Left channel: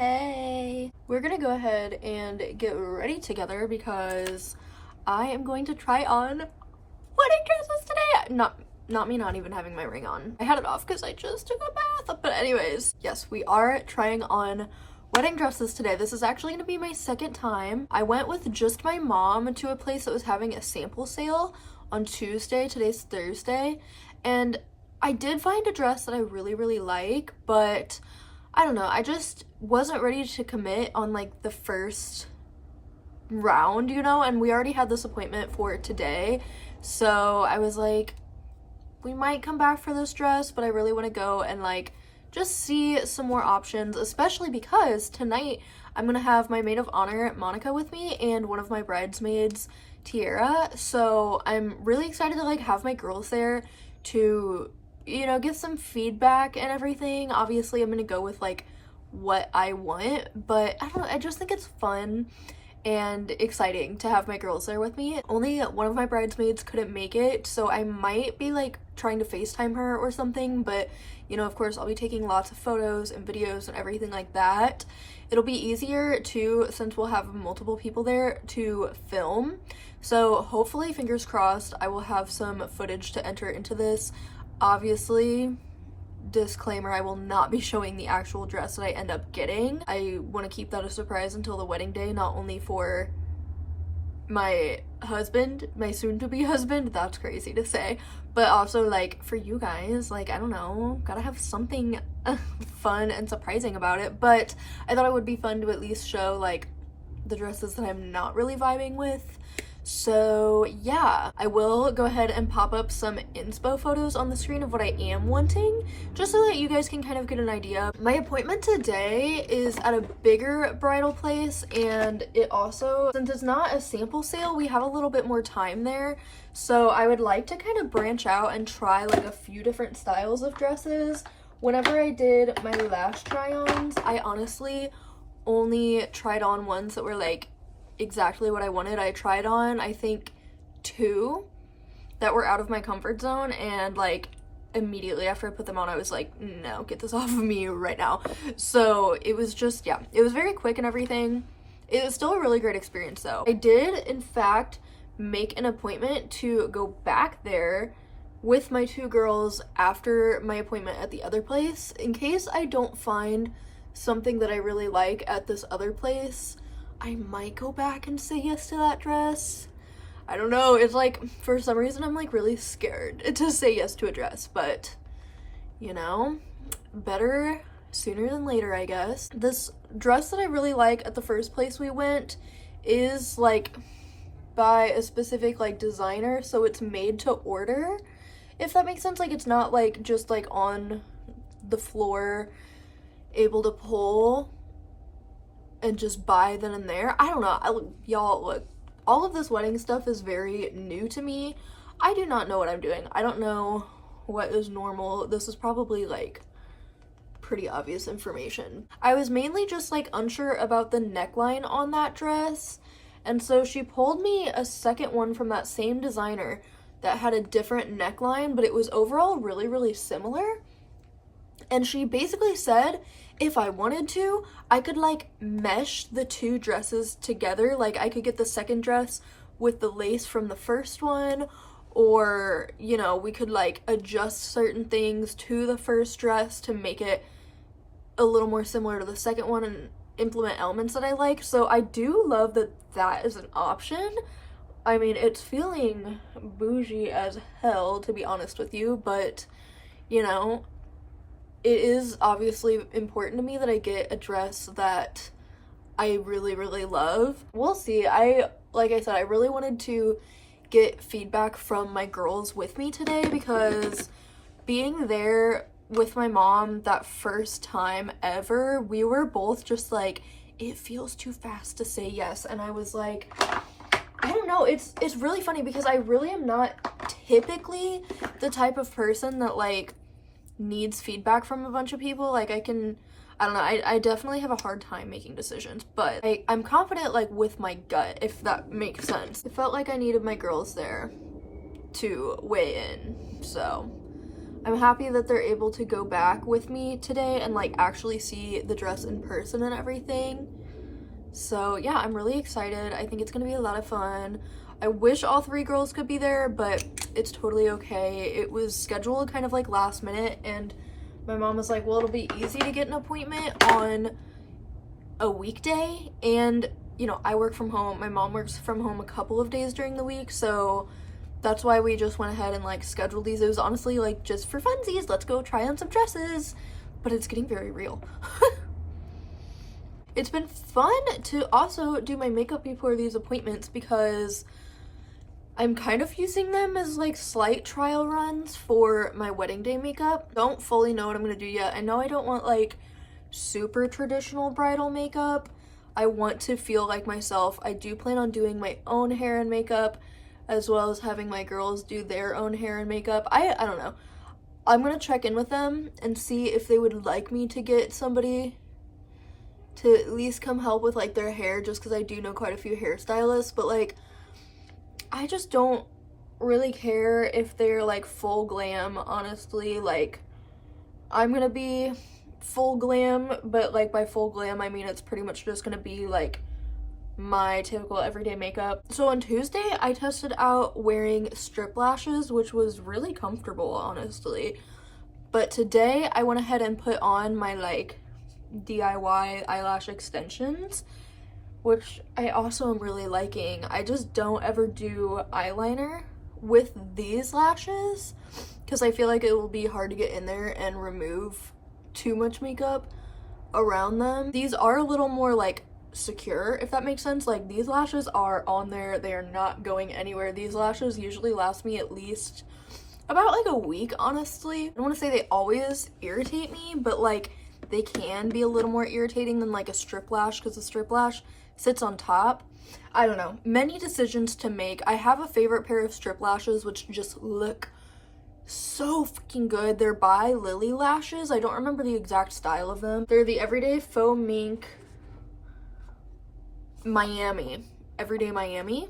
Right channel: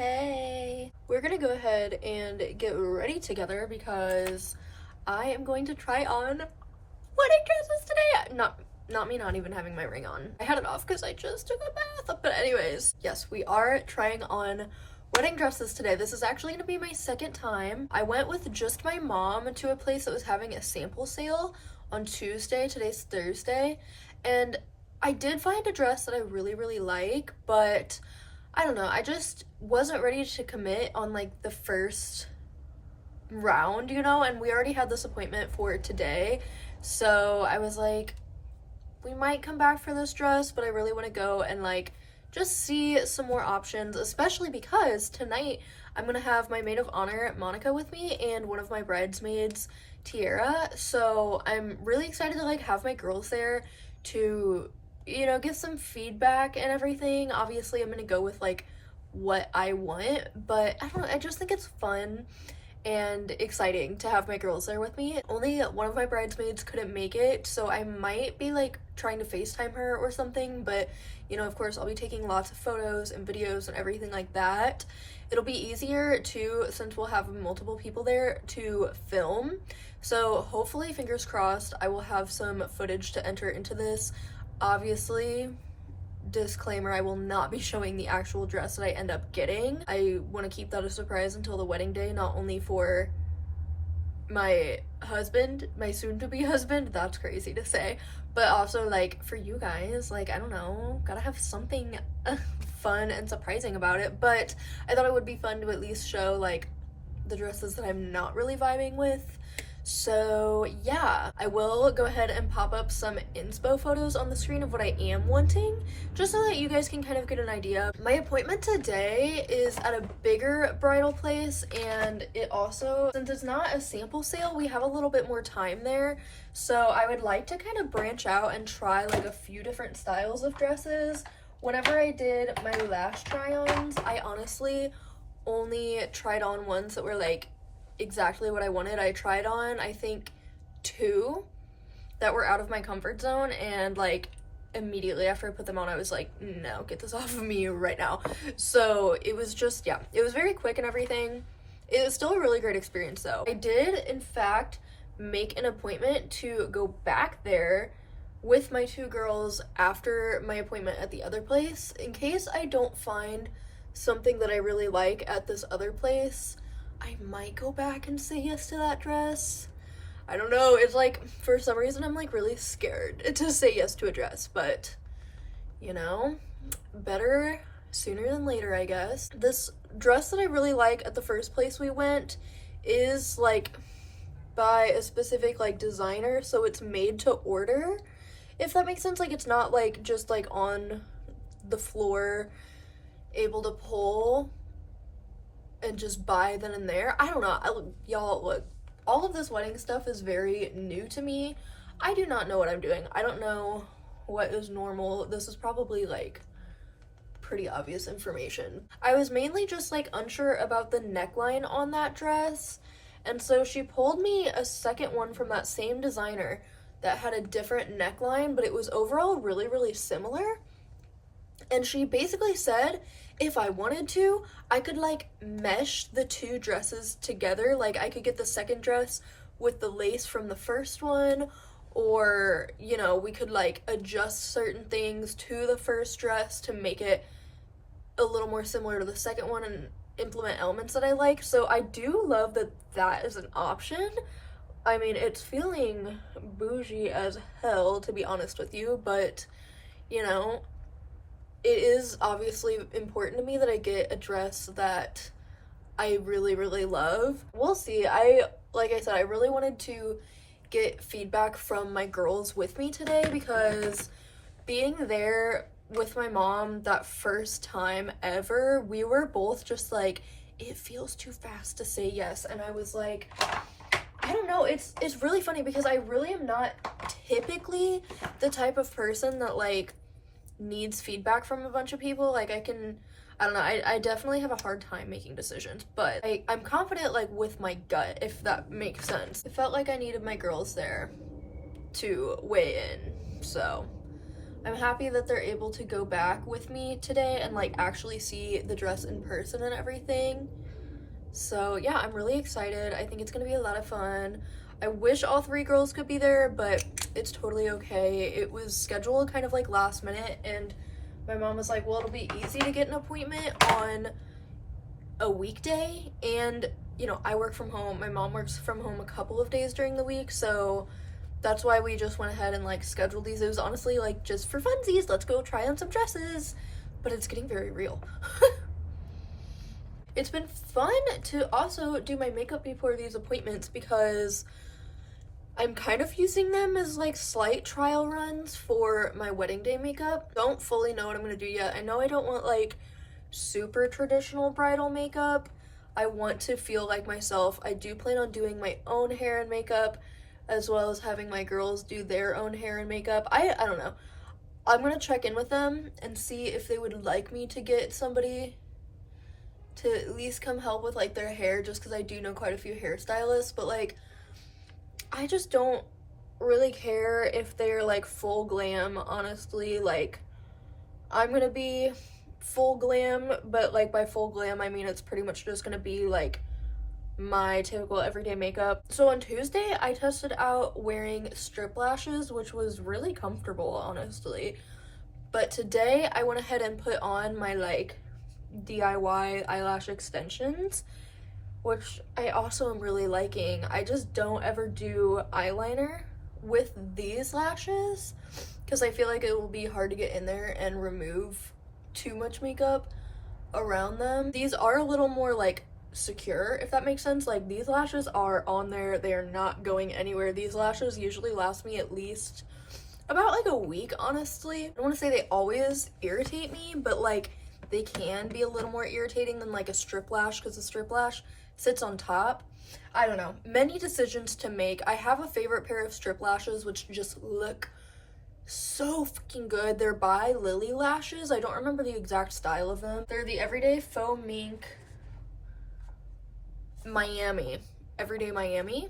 Hey, we're gonna go ahead and get ready together because I am going to try on wedding dresses today. Not me not even having my ring on. I had it off because I just took a bath. But anyways, yes, we are trying on wedding dresses today. This is actually gonna be my second time. I went with just my mom to a place that was having a sample sale on Tuesday. Today's Thursday, and I did find a dress that I really like, but I don't know, I just wasn't ready to commit on like the first round, you know, and we already had this appointment for today, so I was like, we might come back for this dress, but I really want to go and like just see some more options, especially because tonight I'm gonna have my maid of honor Monica with me and one of my bridesmaids Tiara, so I'm really excited to like have my girls there to, you know, get some feedback and everything. Obviously I'm gonna go with like what I want, but I don't know, I just think it's fun and exciting to have my girls there with me. Only one of my bridesmaids couldn't make it, so I might be like trying to FaceTime her or something, but you know, of course I'll be taking lots of photos and videos and everything like that. It'll be easier too since we'll have multiple people there to film, so hopefully, fingers crossed, I will have some footage to enter into this. Obviously, disclaimer, I will not be showing the actual dress that I end up getting. I want to keep that a surprise until the wedding day, not only for my husband, my soon-to-be husband, that's crazy to say, but also like for you guys, like I don't know, gotta have something fun and surprising about it. But I thought it would be fun to at least show like the dresses that I'm not really vibing with. So yeah, I will go ahead and pop up some inspo photos on the screen of what I am wanting, just so that you guys can kind of get an idea. My appointment today is at a bigger bridal place, and it also, since it's not a sample sale, we have a little bit more time there. So I would like to kind of branch out and try like a few different styles of dresses. Whenever I did my last try-ons, I honestly only tried on ones that were like exactly what I wanted. I tried on, I think, 2 that were out of my comfort zone, and like immediately after I put them on I was like, no, get this off of me right now. So it was just, yeah, it was very quick and everything. It was still a really great experience though. I did in fact make an appointment to go back there with my 2 girls after my appointment at the other place, in case I don't find something that I really like at this other place. I might go back and say yes to that dress. I don't know, it's like, for some reason I'm like really scared to say yes to a dress, but you know, better sooner than later, I guess. This dress that I really like at the first place we went is like by a specific like designer, so it's made to order, if that makes sense. Like it's not like just like on the floor able to pull and just buy then and there. I don't know. Y'all, look, all of this wedding stuff is very new to me. I do not know what I'm doing. I don't know what is normal. This is probably like pretty obvious information. I was mainly just like unsure about the neckline on that dress, and so she pulled me a second one from that same designer that had a different neckline, but it was overall really similar. And she basically said if I wanted to, I could like mesh the 2 dresses together. Like I could get the second dress with the lace from the first one, or you know, we could like adjust certain things to the first dress to make it a little more similar to the second one and implement elements that I like. So I do love that that is an option. I mean, it's feeling bougie as hell, to be honest with you, but you know, it is obviously important to me that I get a dress that I really love. We'll see. Like I said, I really wanted to get feedback from my girls with me today, because being there with my mom that first time ever, we were both just like, it feels too fast to say yes. And I was like, I don't know, it's really funny because I really am not typically the type of person that like needs feedback from a bunch of people. Like I don't know, I definitely have a hard time making decisions, but I'm confident like with my gut, if that makes sense. It felt like I needed my girls there to weigh in, so I'm happy that they're able to go back with me today and like actually see the dress in person and everything. So yeah, I'm really excited. I think it's gonna be a lot of fun. I wish all 3 girls could be there, but it's totally okay. It was scheduled kind of like last minute, and my mom was like, well, it'll be easy to get an appointment on a weekday, and you know, I work from home. My mom works from home a couple of days during the week, so that's why we just went ahead and like scheduled these. It was honestly like just for funsies, let's go try on some dresses, but it's getting very real. It's been fun to also do my makeup before these appointments because I'm kind of using them as like slight trial runs for my wedding day makeup. Don't fully know what I'm gonna do yet. I know I don't want like super traditional bridal makeup. I want to feel like myself. I do plan on doing my own hair and makeup, as well as having my girls do their own hair and makeup. I don't know. I'm gonna check in with them and see if they would like me to get somebody to at least come help with like their hair, just because I do know quite a few hairstylists, but like I just don't really care if they're like full glam, honestly. Like, I'm gonna be full glam, but like by full glam I mean it's pretty much just gonna be like my typical everyday makeup. So on Tuesday I tested out wearing strip lashes, which was really comfortable, honestly. But today I went ahead and put on my like DIY eyelash extensions, which I also am really liking. I just don't ever do eyeliner with these lashes because I feel like it will be hard to get in there and remove too much makeup around them. These are a little more like secure, if that makes sense. Like, these lashes are on there, they are not going anywhere. These lashes usually last me at least about like a week, honestly. I don't want to say they always irritate me, but like they can be a little more irritating than like a strip lash, because a strip lash sits on top. I don't know, many decisions to make. I have a favorite pair of strip lashes which just look so freaking good. They're by Lily Lashes. I don't remember the exact style of them. They're the Everyday Faux Mink Miami. Everyday Miami,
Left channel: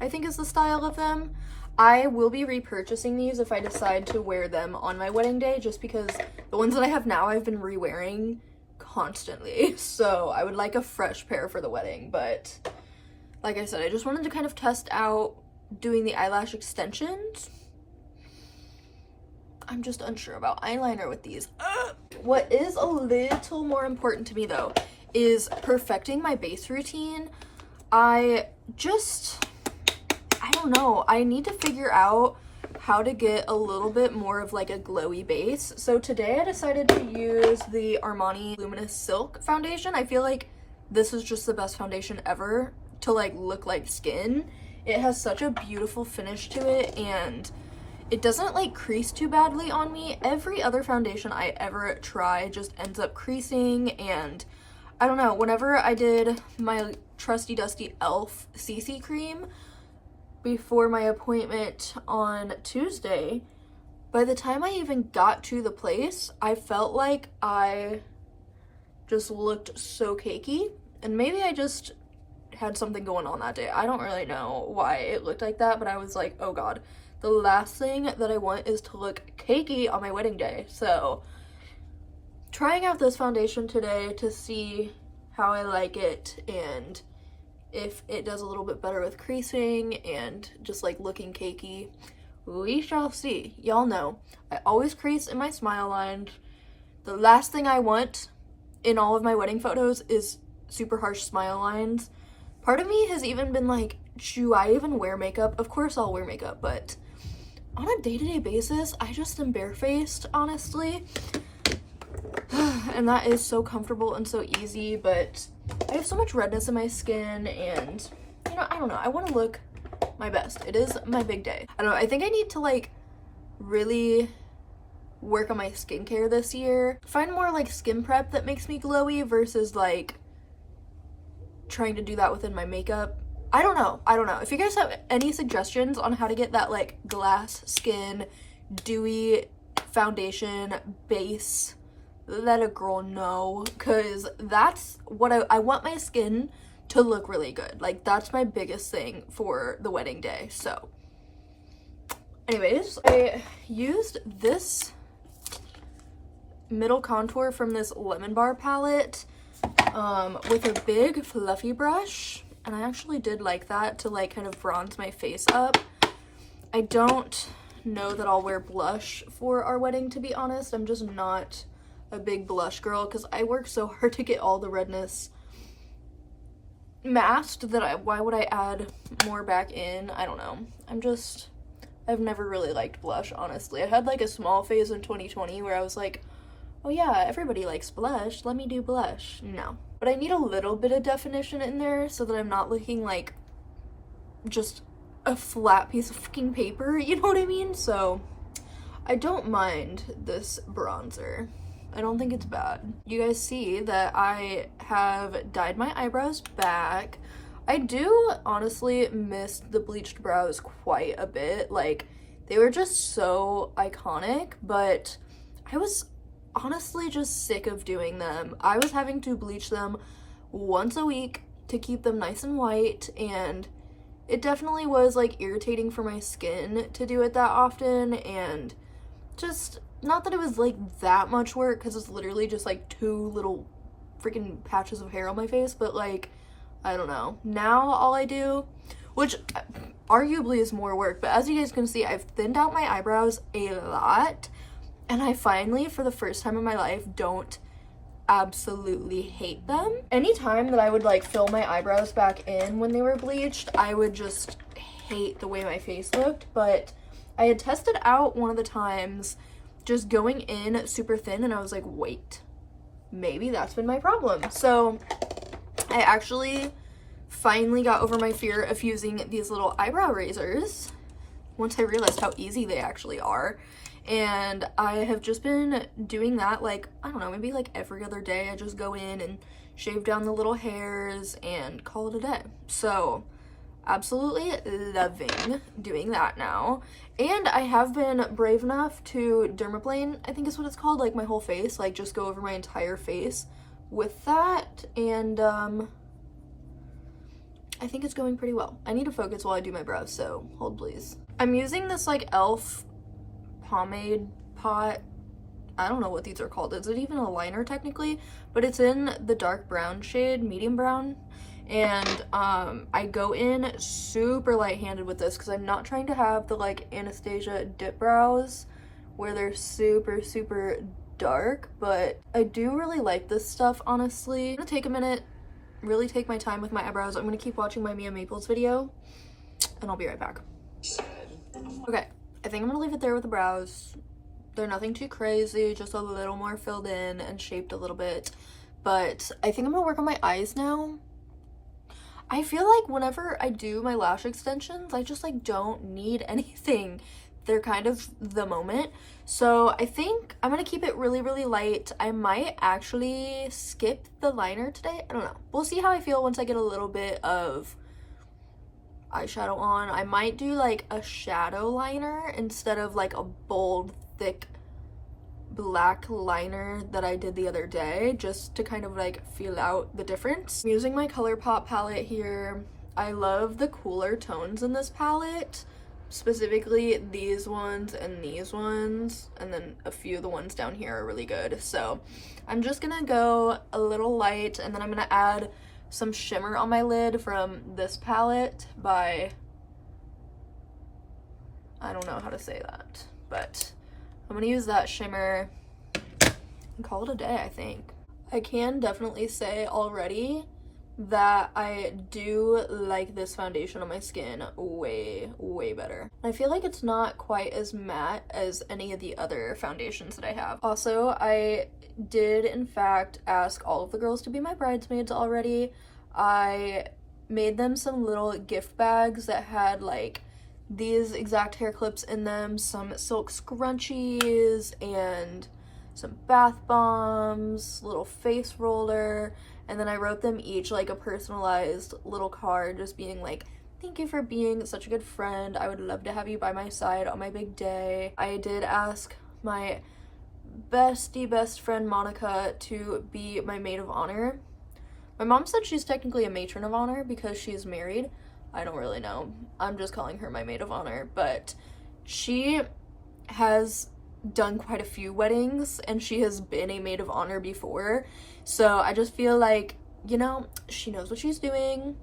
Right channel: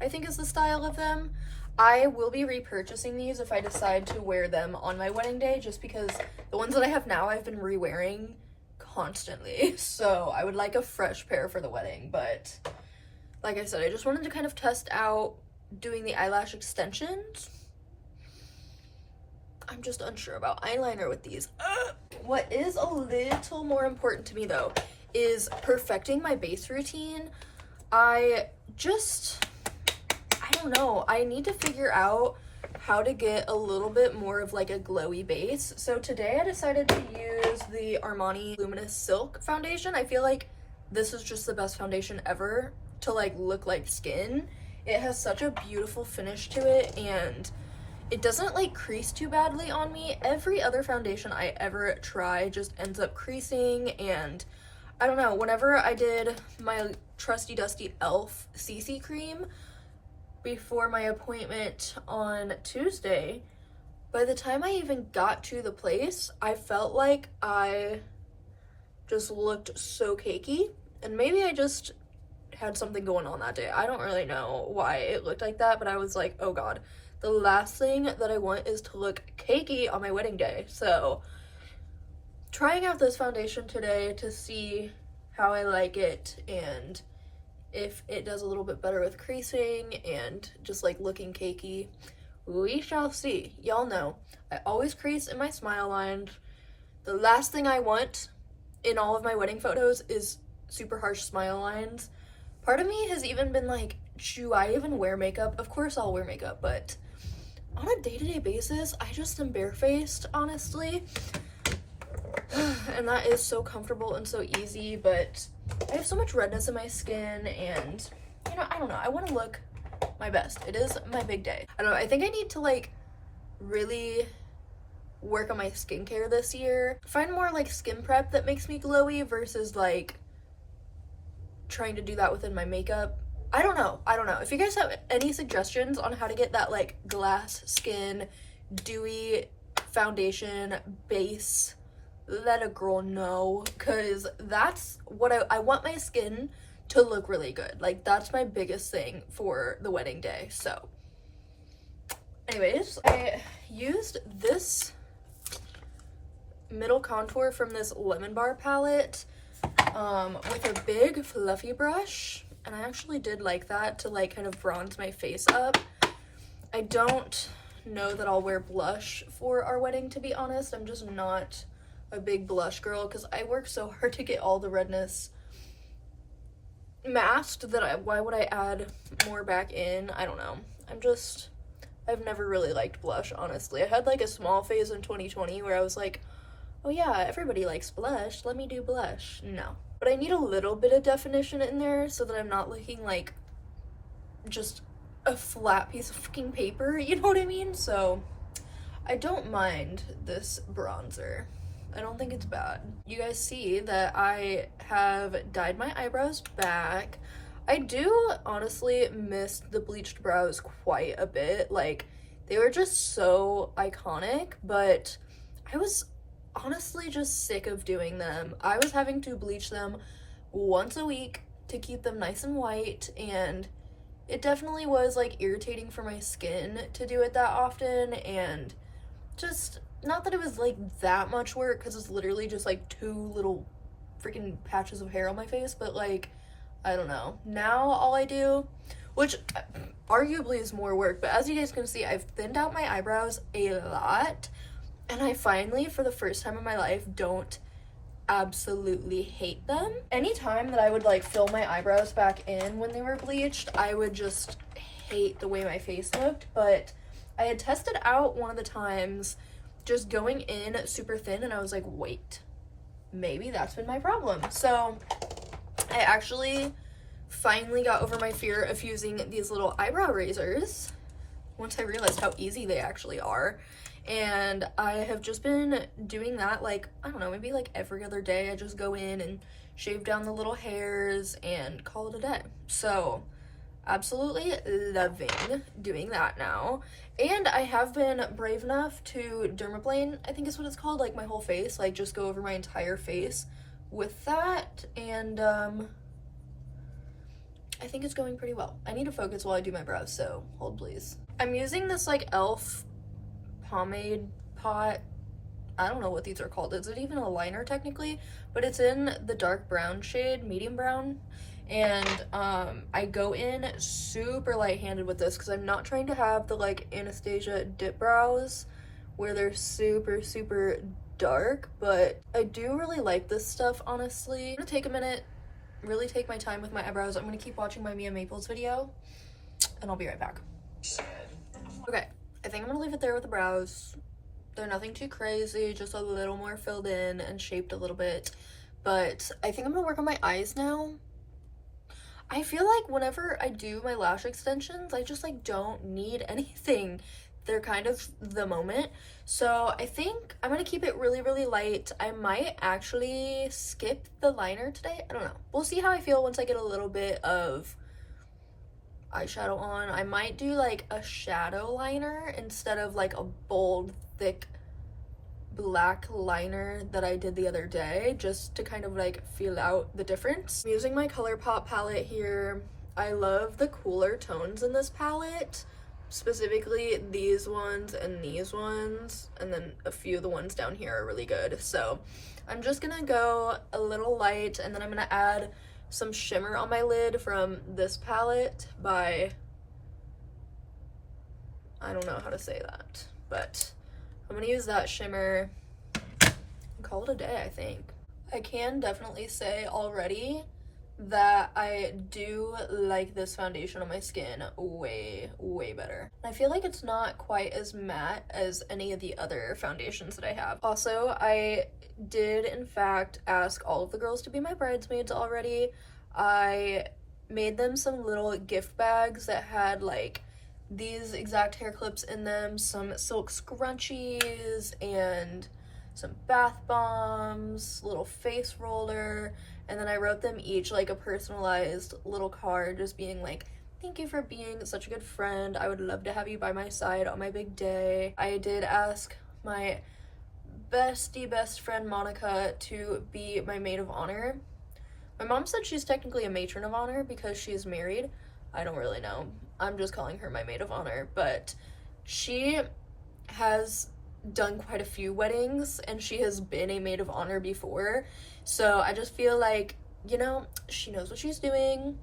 I think is the style of them. I will be repurchasing these if I decide to wear them on my wedding day, just because the ones that I have now I've been re-wearing constantly, so I would like a fresh pair for the wedding. But like I said, I just wanted to kind of test out doing the eyelash extensions. I'm just unsure about eyeliner with these. What is a little more important to me though is perfecting my base routine. I don't know, I need to figure out how to get a little bit more of like a glowy base. So today I decided to use the Armani Luminous Silk foundation. I feel like this is just the best foundation ever to like look like skin. It has such a beautiful finish to it, and it doesn't like crease too badly on me. Every other foundation I ever try just ends up creasing, and I don't know, whenever I did my trusty dusty e.l.f. CC cream before my appointment on Tuesday, by the time I even got to the place, I felt like I just looked so cakey, and maybe I just had something going on that day. I don't really know why it looked like that, but I was like, oh god, the last thing that I want is to look cakey on my wedding day. So trying out this foundation today to see how I like it, and if it does a little bit better with creasing and just like looking cakey, we shall see. Y'all know I always crease in my smile lines. The last thing I want in all of my wedding photos is super harsh smile lines. Part of me has even been like, should I even wear makeup? Of course I'll wear makeup, but on a day-to-day basis I just am barefaced, honestly. And that is so comfortable and so easy, but I have so much redness in my skin, and you know, I don't know, I want to look my best. It is my big day. I don't know, I think I need to like really work on my skincare this year. Find more like skin prep that makes me glowy versus like trying to do that within my makeup. I don't know. If you guys have any suggestions on how to get that like glass skin, dewy foundation base, let a girl know, because that's what I want my skin to look really good. Like, that's my biggest thing for the wedding day. So Anyways, I used this middle contour from this Lemon Bar palette with a big fluffy brush, and I actually did like that to like kind of bronze my face up. I don't know that I'll wear blush for our wedding, to be honest. I'm just not a big blush girl because I work so hard to get all the redness masked that why would I add more back in? I don't know. I've never really liked blush, honestly. I had like a small phase in 2020 where I was like, oh yeah, everybody likes blush, let me do blush. No. But I need a little bit of definition in there so that I'm not looking like just a flat piece of freaking paper, you know what I mean? So I don't mind this bronzer. I don't think it's bad. You guys see that I have dyed my eyebrows back. I do honestly miss the bleached brows quite a bit. Like, they were just so iconic, but I was honestly just sick of doing them. I was having to bleach them once a week to keep them nice and white, and it definitely was like irritating for my skin to do it that often, and just not that it was like that much work because it's literally just like 2 little freaking patches of hair on my face, but like, I don't know. Now all I do, which arguably is more work, but as you guys can see, I've thinned out my eyebrows a lot, and I finally, for the first time in my life, don't absolutely hate them. Anytime that I would like fill my eyebrows back in when they were bleached, I would just hate the way my face looked, but I had tested out one of the times just going in super thin, and I was like, wait, maybe that's been my problem. So I actually finally got over my fear of using these little eyebrow razors once I realized how easy they actually are. And I have just been doing that, like, I don't know, maybe like every other day. I just go in and shave down the little hairs and call it a day. So absolutely loving doing that now. And I have been brave enough to dermaplane, I think is what it's called, like my whole face, like just go over my entire face with that. And I think it's going pretty well. I need to focus while I do my brows, so hold please. I'm using this like e.l.f. pomade pot. I don't know what these are called. Is it even a liner technically? But it's in the dark brown shade, medium brown. And I go in super light-handed with this because I'm not trying to have the like Anastasia dip brows where they're super, super dark, but I do really like this stuff, honestly. I'm gonna take a minute, really take my time with my eyebrows. I'm gonna keep watching my Mia Maples video, and I'll be right back. Okay, I think I'm gonna leave it there with the brows. They're nothing too crazy, just a little more filled in and shaped a little bit. But I think I'm gonna work on my eyes now. I feel like whenever I do my lash extensions, I just like don't need anything. They're kind of the moment. So I think I'm gonna keep it really, really light. I might actually skip the liner today. I don't know. We'll see how I feel once I get a little bit of eyeshadow on. I might do like a shadow liner instead of like a bold, thick black liner that I did the other day, just to kind of like feel out the difference. I'm using my ColourPop palette here. I love the cooler tones in this palette, specifically these ones and these ones, and then a few of the ones down here are really good. So I'm just gonna go a little light, and then I'm gonna add some shimmer on my lid from this palette by, I don't know how to say that, but I'm gonna use that shimmer and call it a day, I think. I can definitely say already that I do like this foundation on my skin way, way better. I feel like it's not quite as matte as any of the other foundations that I have. Also, I did in fact ask all of the girls to be my bridesmaids already. I made them some little gift bags that had like these exact hair clips in them, some silk scrunchies, and some bath bombs, little face roller, and then I wrote them each like a personalized little card just being like, thank you for being such a good friend. I would love to have you by my side on my big day. I did ask my bestie best friend Monica to be my maid of honor. My mom said she's technically a matron of honor because she's married. I don't really know. I'm just calling her my maid of honor, but She has done quite a few weddings and she has been a maid of honor before, so I just feel like, you know, she knows what she's doing.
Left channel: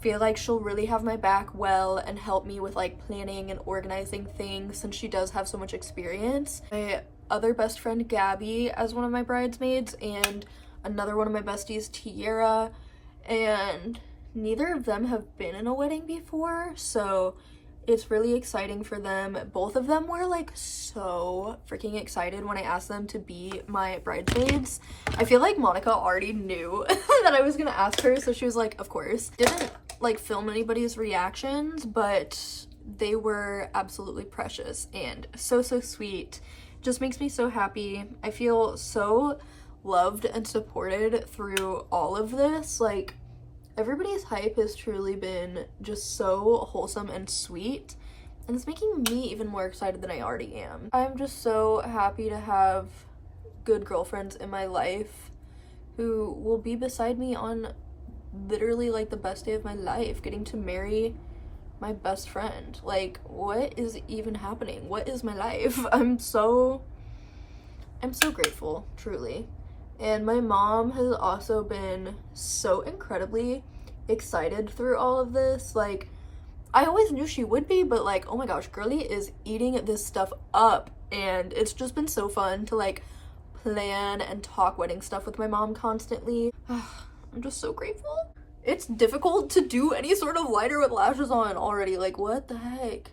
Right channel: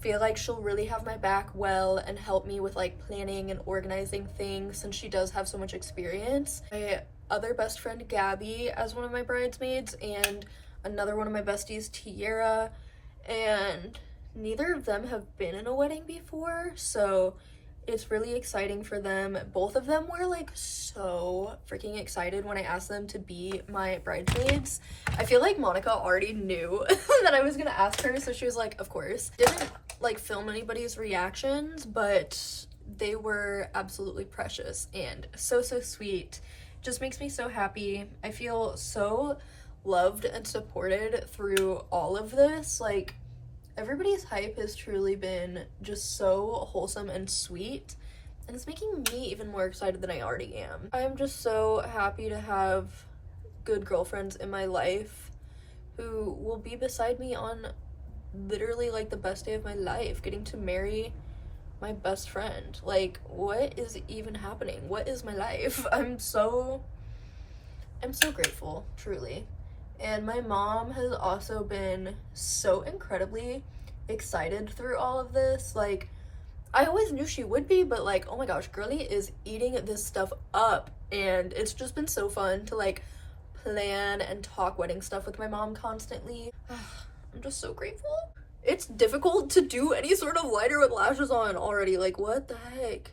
Feel like she'll really have my back well and help me with like planning and organizing things since she does have so much experience. My other best friend Gabby as one of my bridesmaids, and another one of my besties, Tiara, and neither of them have been in a wedding before, so it's really exciting for them. Both of them were like so freaking excited when I asked them to be my bridesmaids. I feel like Monica already knew that I was gonna ask her, so she was like, of course. Didn't like film anybody's reactions, but they were absolutely precious and so sweet. Just makes me so happy. I feel so loved and supported through all of this. Like, everybody's hype has truly been just so wholesome and sweet, and it's making me even more excited than I already am. I'm just so happy to have good girlfriends in my life who will be beside me on literally like the best day of my life, getting to marry my best friend. Like, what is even happening? What is my life? I'm so grateful, truly. And my mom has also been so incredibly excited through all of this. Like, I always knew she would be, but like, oh my gosh, girly is eating this stuff up, and it's just been so fun to like plan and talk wedding stuff with my mom constantly. I'm just so grateful. It's difficult to do any sort of liner with lashes on already. Like, what the heck?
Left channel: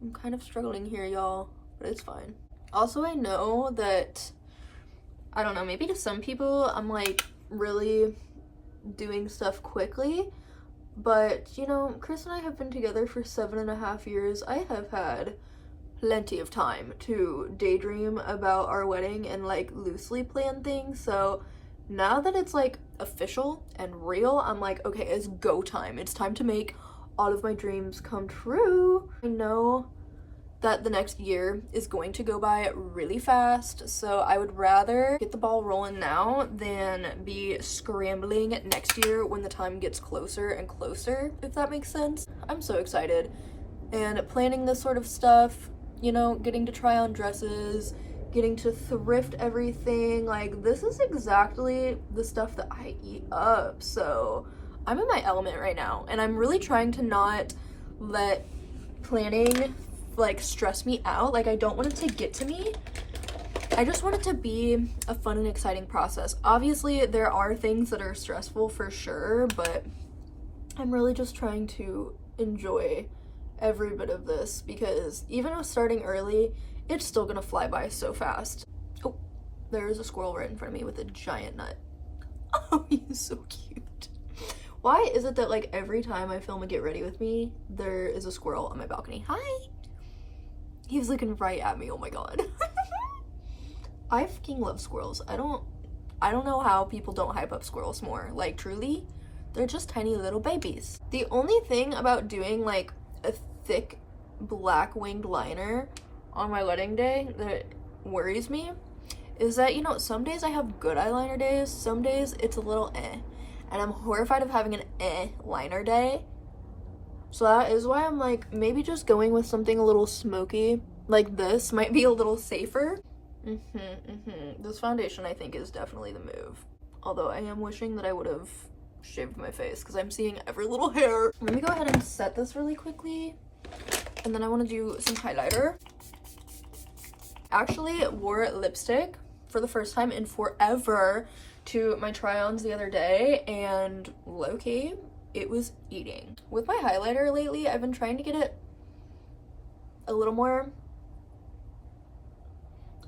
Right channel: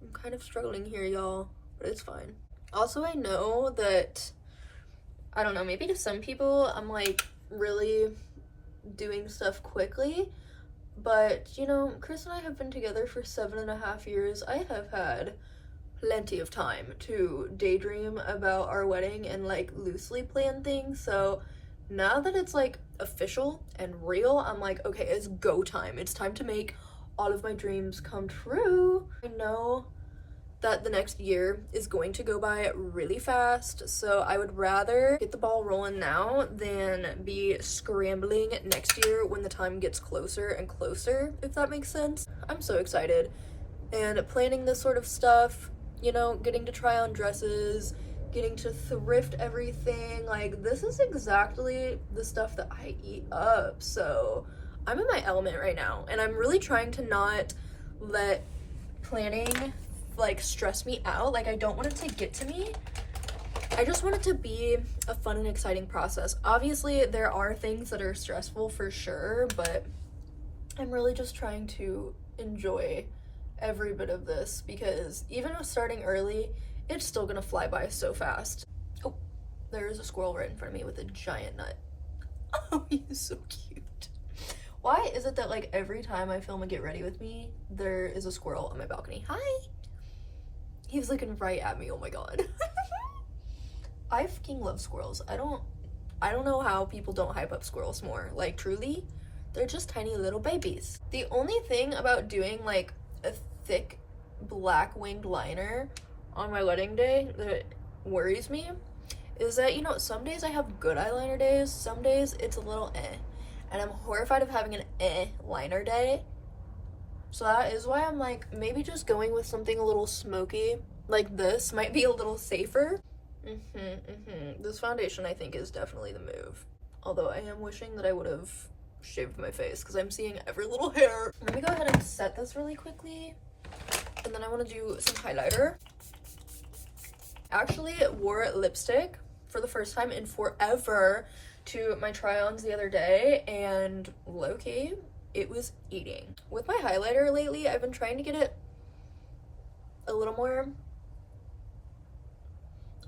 I'm kind of struggling here, y'all, but it's fine. Also, I know that, I don't know, maybe to some people I'm like really doing stuff quickly, but you know, Chris and I have been together for 7.5 years. I have had plenty of time to daydream about our wedding and like loosely plan things. So now that it's like official and real, I'm like, okay, it's go time. It's time to make all of my dreams come true. I know that the next year is going to go by really fast, so I would rather get the ball rolling now than be scrambling next year when the time gets closer and closer, if that makes sense. I'm so excited, and planning this sort of stuff, you know, getting to try on dresses, getting to thrift everything, like, this is exactly the stuff that I eat up. So I'm in my element right now, and I'm really trying to not let planning like stress me out. Like, I don't want it to get to me. I just want it to be a fun and exciting process. Obviously there are things that are stressful for sure, but I'm really just trying to enjoy every bit of this, because even with starting early, it's still gonna fly by so fast. Oh, there's a squirrel right in front of me with a giant nut. Oh, he's so cute. Why is it that like every time I film a get ready with me, there is a squirrel on my balcony? Hi. He's looking right at me. Oh my god. I fucking love squirrels. I don't know how people don't hype up squirrels more. Like, truly, they're just tiny little babies. The only thing about doing like a thick black winged liner on my wedding day that worries me is that, you know, some days I have good eyeliner days, some days it's a little and I'm horrified of having an liner day. So that is why I'm like, maybe just going with something a little smoky like this might be a little safer. This foundation, I think, is definitely the move. Although I am wishing that I would have shaved my face because I'm seeing every little hair. Let me go ahead and set this really quickly. And then I want to do some highlighter. Actually wore lipstick for the first time in forever to my try-ons the other day, and low-key, it was eating. With my highlighter lately, I've been trying to get it a little more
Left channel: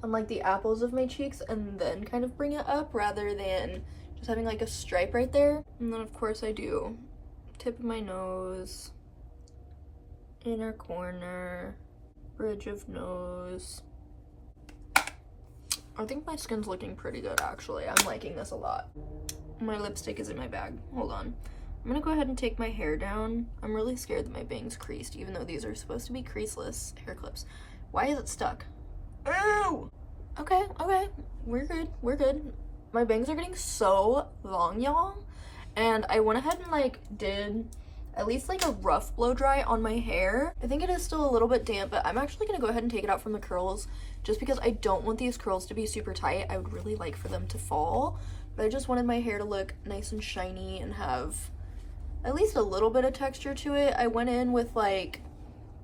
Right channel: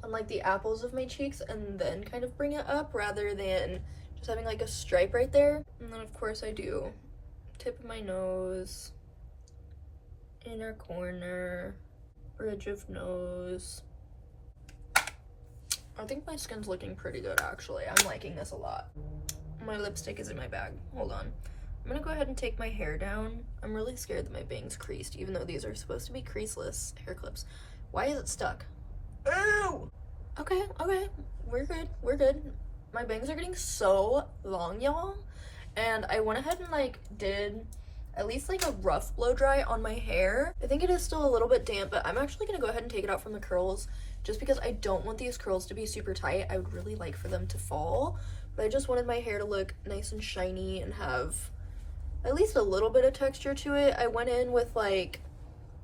on like the apples of my cheeks and then kind of bring it up rather than just having like a stripe right there. And then of course I do tip of my nose, inner corner, bridge of nose. I think my skin's looking pretty good actually. I'm liking this a lot. My lipstick is in my bag. Hold on. I'm gonna go ahead and take my hair down. I'm really scared that my bangs creased, even though these are supposed to be creaseless hair clips. Why is it stuck? Ew! Okay, we're good. My bangs are getting so long, y'all. And I went ahead and like did at least like a rough blow dry on my hair. I think it is still a little bit damp, but I'm actually gonna go ahead and take it out from the curls just because I don't want these curls to be super tight. I would really like for them to fall, but I just wanted my hair to look nice and shiny and have at least a little bit of texture to it. I went in with like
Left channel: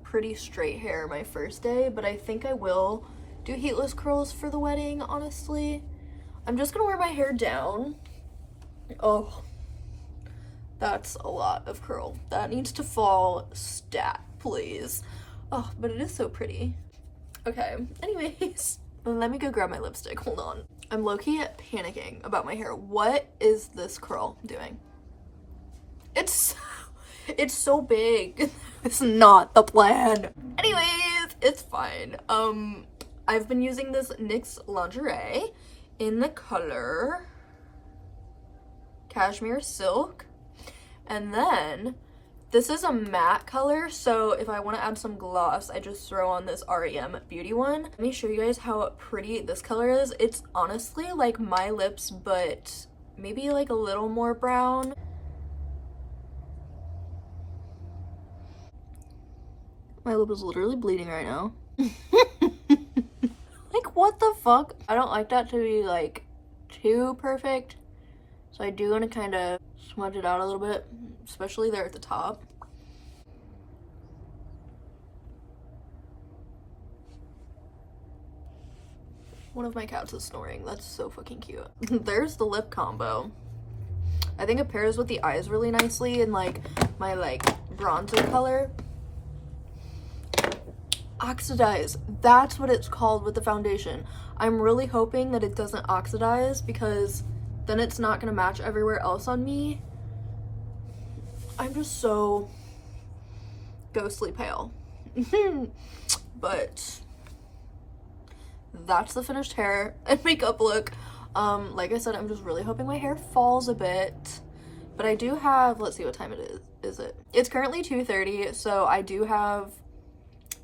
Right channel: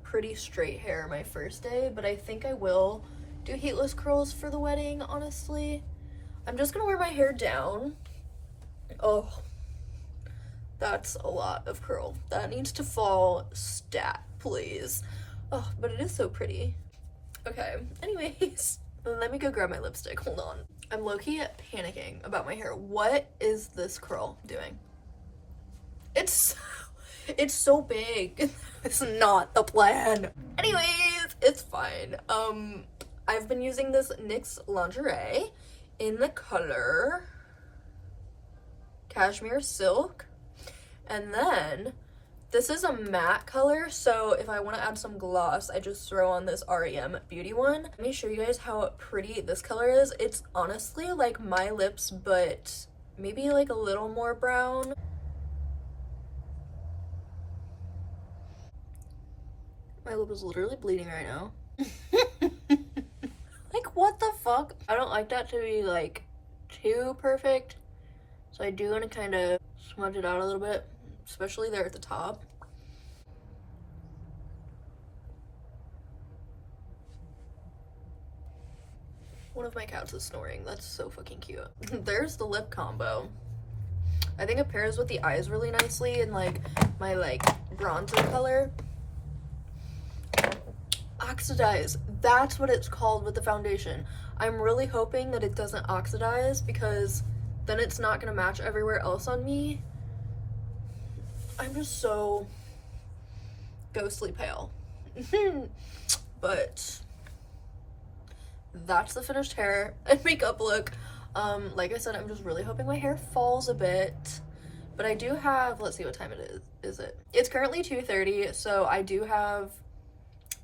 pretty straight hair my first day, but I think I will do heatless curls for the wedding, honestly. I'm just gonna wear my hair down. Oh, that's a lot of curl. That needs to fall stat, please. Oh, but it is so pretty. Okay, anyways, let me go grab my lipstick. Hold on. I'm low-key panicking about my hair. What is this curl doing? It's so big. It's not the plan. Anyways, it's fine. I've been using this NYX lingerie in the color Cashmere Silk. And then this is a matte color, so if I want to add some gloss, I just throw on this REM Beauty one. Let me show you guys how pretty this color is. It's honestly like my lips, but maybe like a little more brown. My lip is literally bleeding right now. Like, what the fuck? I don't like that to be like too perfect, so I do want to kind of smudge it out a little bit, especially there at the top. One of my cats is snoring. That's so fucking cute. There's the lip combo. I think it pairs with the eyes really nicely and like my like bronzer color. Oxidize. That's what it's called with the foundation. I'm really hoping that it doesn't oxidize because then it's not gonna match everywhere else on me. I'm just so ghostly pale. But that's the finished hair and makeup look. Like I said, I'm just really hoping my hair falls a bit. But I do have, let's see what time it is it? It's currently 2:30, so I do have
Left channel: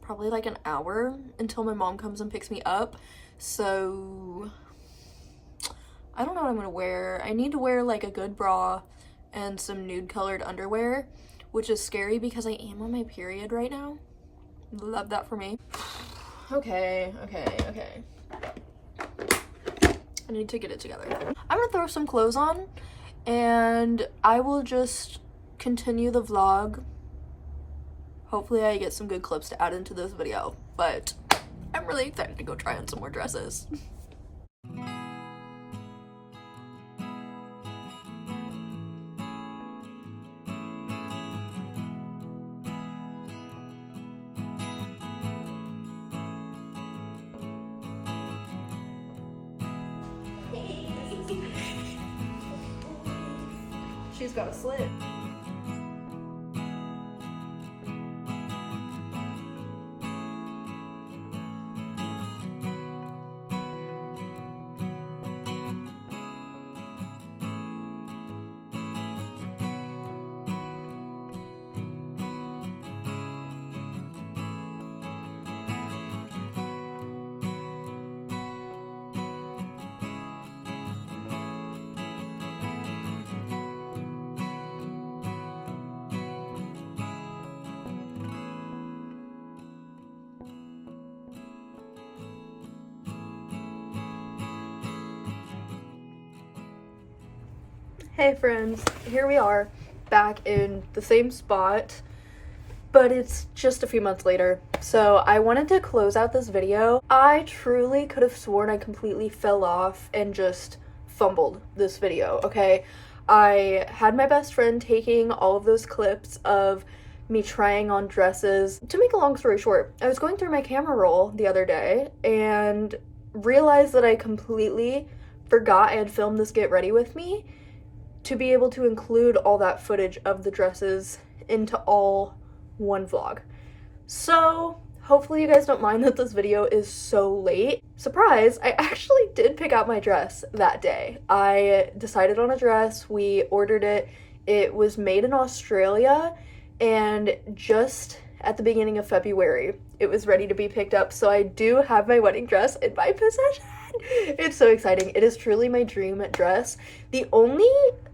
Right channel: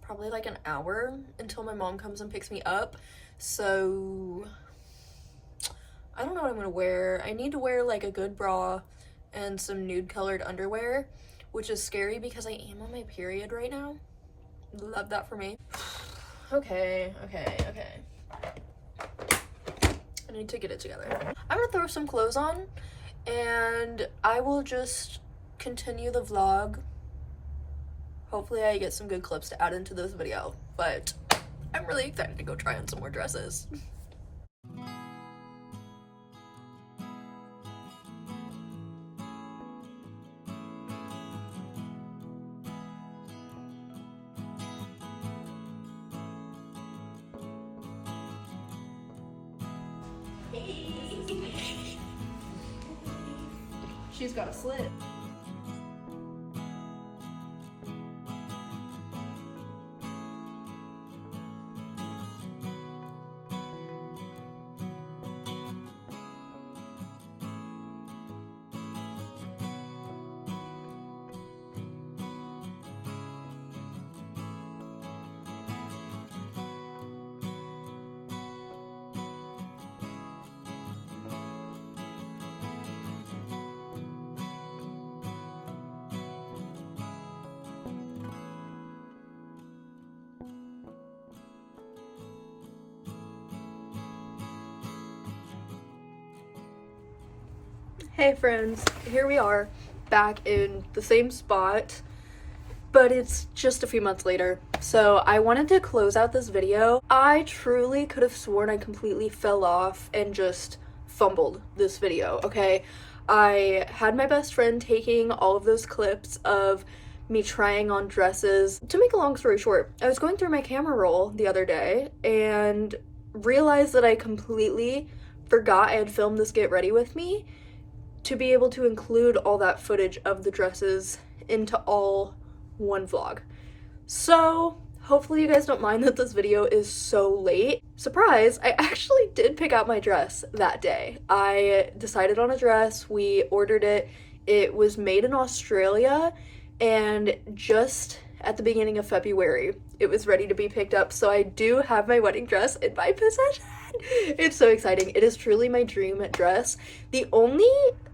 probably like an hour until my mom comes and picks me up. So I don't know what I'm gonna wear. I need to wear like a good bra and some nude colored underwear, which is scary because I am on my period right now. Love that for me. Okay. I need to get it together. I'm gonna throw some clothes on and I will just continue the vlog. Hopefully I get some good clips to add into this video, but I'm really excited to go try on some more dresses. She's got a slit. Hey friends, here we are back in the same spot, but it's just a few months later. So I wanted to close out this video. I truly could have sworn I completely fell off and just fumbled this video, okay? I had my best friend taking all of those clips of me trying on dresses. To make a long story short, I was going through my camera roll the other day and realized that I completely forgot I had filmed this get ready with me to be able to include all that footage of the dresses into all one vlog. So hopefully you guys don't mind that this video is so late. Surprise, I actually did pick out my dress that day. I decided on a dress, we ordered it. It was made in Australia, and just at the beginning of February, it was ready to be picked up. So I do have my wedding dress in my possession. It's so exciting. It is truly my dream dress. The only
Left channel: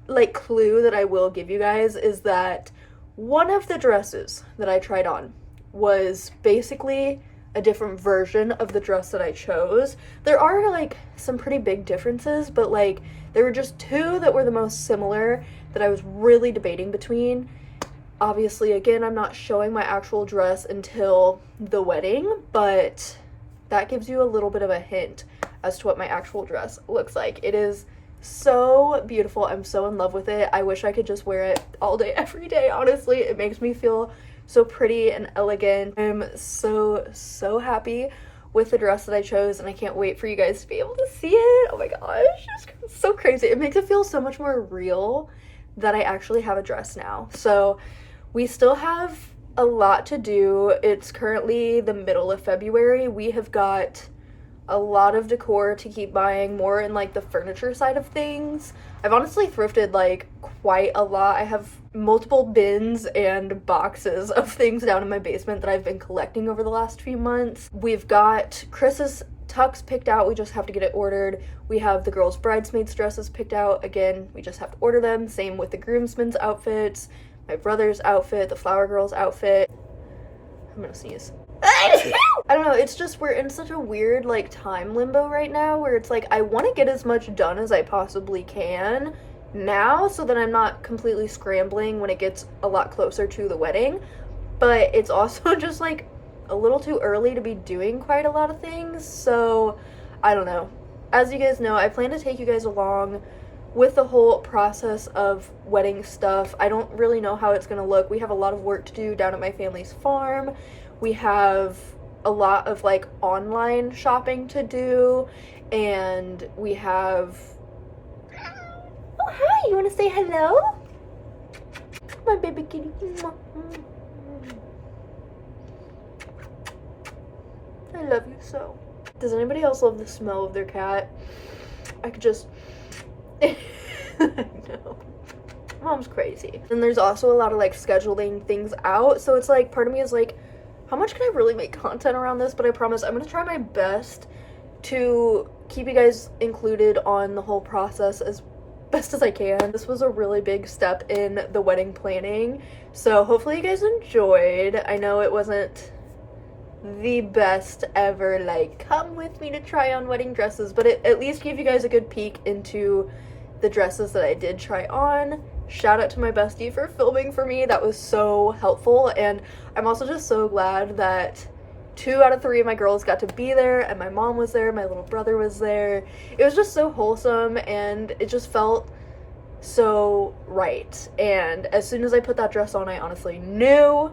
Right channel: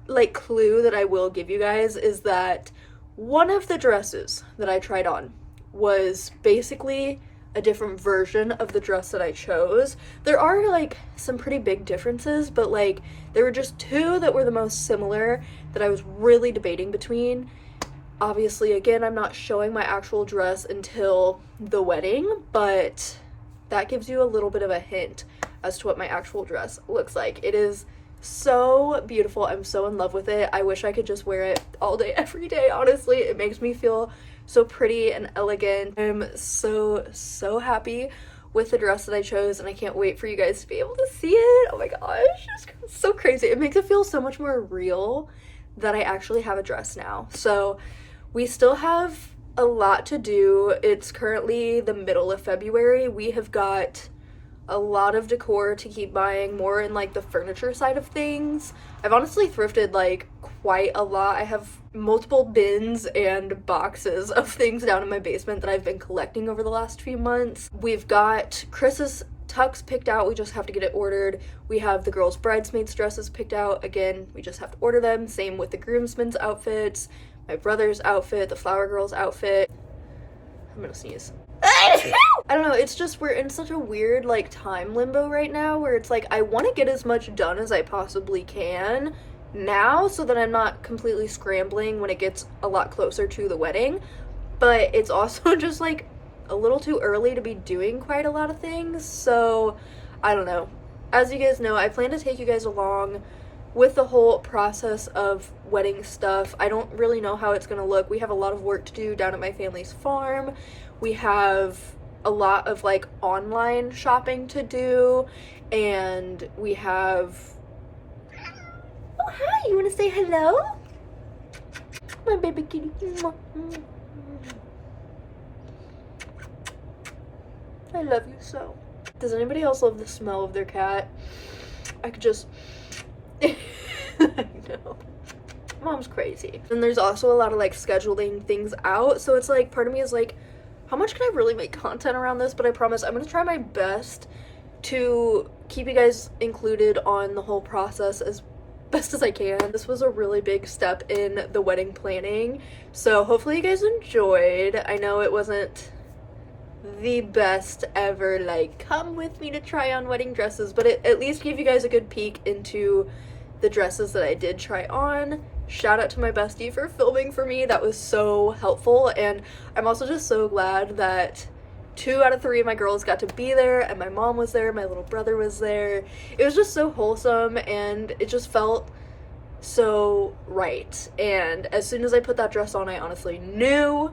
like clue that I will give you guys is that one of the dresses that I tried on was basically a different version of the dress that I chose. There are like some pretty big differences, but like there were just two that were the most similar that I was really debating between. Obviously, again, I'm not showing my actual dress until the wedding, but that gives you a little bit of a hint as to what my actual dress looks like. It is so beautiful. I'm so in love with it. I wish I could just wear it all day, every day, honestly. It makes me feel so pretty and elegant. I'm so happy with the dress that I chose, and I can't wait for you guys to be able to see it. Oh my gosh, it's so crazy. It makes it feel so much more real that I actually have a dress now. So we still have a lot to do. It's currently the middle of February. We have got a lot of decor to keep buying, more in like the furniture side of things. I've honestly thrifted like quite a lot. I have multiple bins and boxes of things down in my basement that I've been collecting over the last few months. We've got Chris's tux picked out. We just have to get it ordered. We have the girls' bridesmaids dresses picked out. Again, we just have to order them. Same with the groomsmen's outfits, my brother's outfit, the flower girl's outfit. I'm gonna sneeze. I don't know, it's just we're in such a weird like time limbo right now where it's like I want to get as much done as I possibly can now so that I'm not completely scrambling when it gets a lot closer to the wedding, but it's also just like a little too early to be doing quite a lot of things. So I don't know. As you guys know, I plan to take you guys along with the whole process of wedding stuff. I don't really know how it's gonna look. We have a lot of work to do down at my family's farm. We have a lot of like online shopping to do, and we have, oh hi, you want to say hello? My baby kitty. I love you so. Does anybody else love the smell of their cat? I could just I know. Mom's crazy. And there's also a lot of like scheduling things out, so it's like part of me is like, how much can I really make content around this? But I promise I'm gonna try my best to keep you guys included on the whole process as best as I can. This was a really big step in the wedding planning, so hopefully you guys enjoyed. I know it wasn't the best ever like come with me to try on wedding dresses, but it at least gave you guys a good peek into the dresses that I did try on. Shout out to my bestie for filming for me. That was so helpful, and I'm also just so glad that 2 out of 3 of my girls got to be there, and my mom was there, my little brother was there. It was just so wholesome, and it just felt so right. And as soon as I put that dress on, I honestly knew.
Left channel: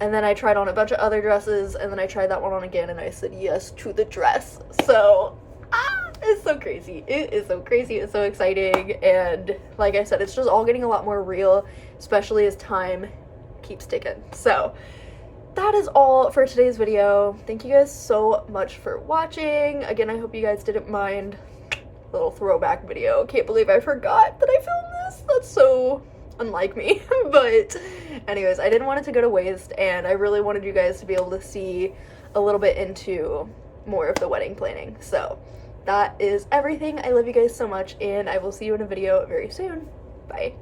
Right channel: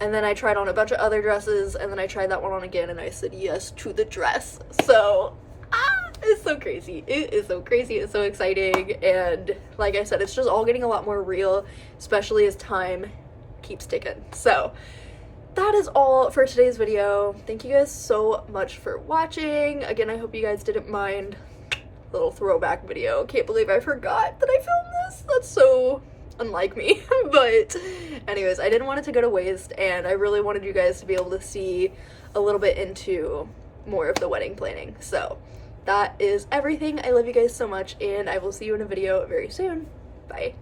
And then I tried on a bunch of other dresses, and then I tried that one on again, and I said yes to the dress. So it's so crazy. It is so crazy. It's so exciting, and like I said, it's just all getting a lot more real, especially as time keeps ticking. So that is all for today's video. Thank you guys so much for watching. Again, I hope you guys didn't mind little throwback video. Can't believe I forgot that I filmed this. That's so unlike me. But anyways, I didn't want it to go to waste, and I really wanted you guys to be able to see a little bit into more of the wedding planning. So that is everything. I love you guys so much, and I will see you in a video very soon. Bye.